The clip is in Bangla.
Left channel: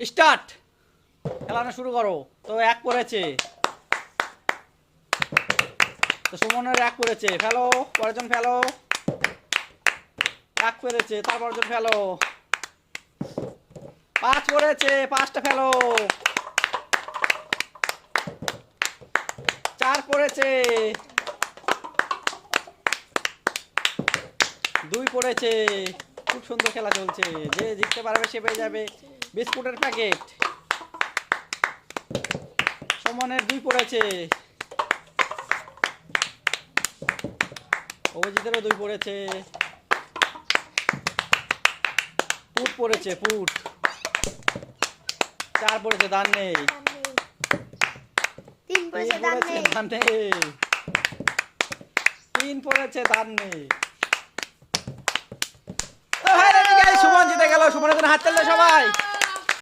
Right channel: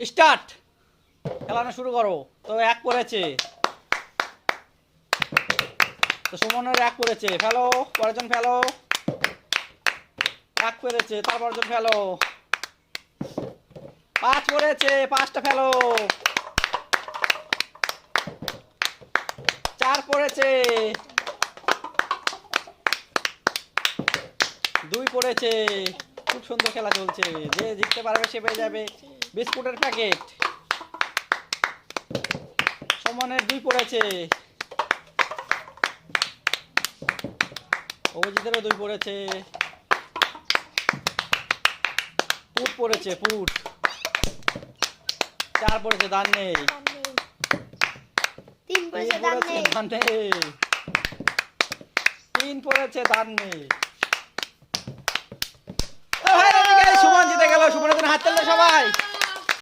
স্টার্ট, খেলানো শুরু করো। তো এক পড়েছে, তো সুমনের এক পড়েছে, ফেলো, পরেরজন ফেলো। এক পড়েছে, তারপরজন ফেলো। 5 পড়েছে, 5টা ফেলো। 4 পড়েছে, 2 পড়েছে। খুব সুন্দর খেলা চলছে, যে জিততে পারবে সে পেয়ে যাবে বিস্কুটের প্যাকেট। সুমনের 2 পড়েছে, অভিজিতেরও 2 পড়েছে। পুট পড়েছে, পুট। 4 পড়েছে, দান নেই। 3 3 পড়েছে, পড়েছে, দান নেই। 3 পড়েছে, দান নেই। সুমন জিতে গেল। সুমনের জন্য হাত তালি সবাই।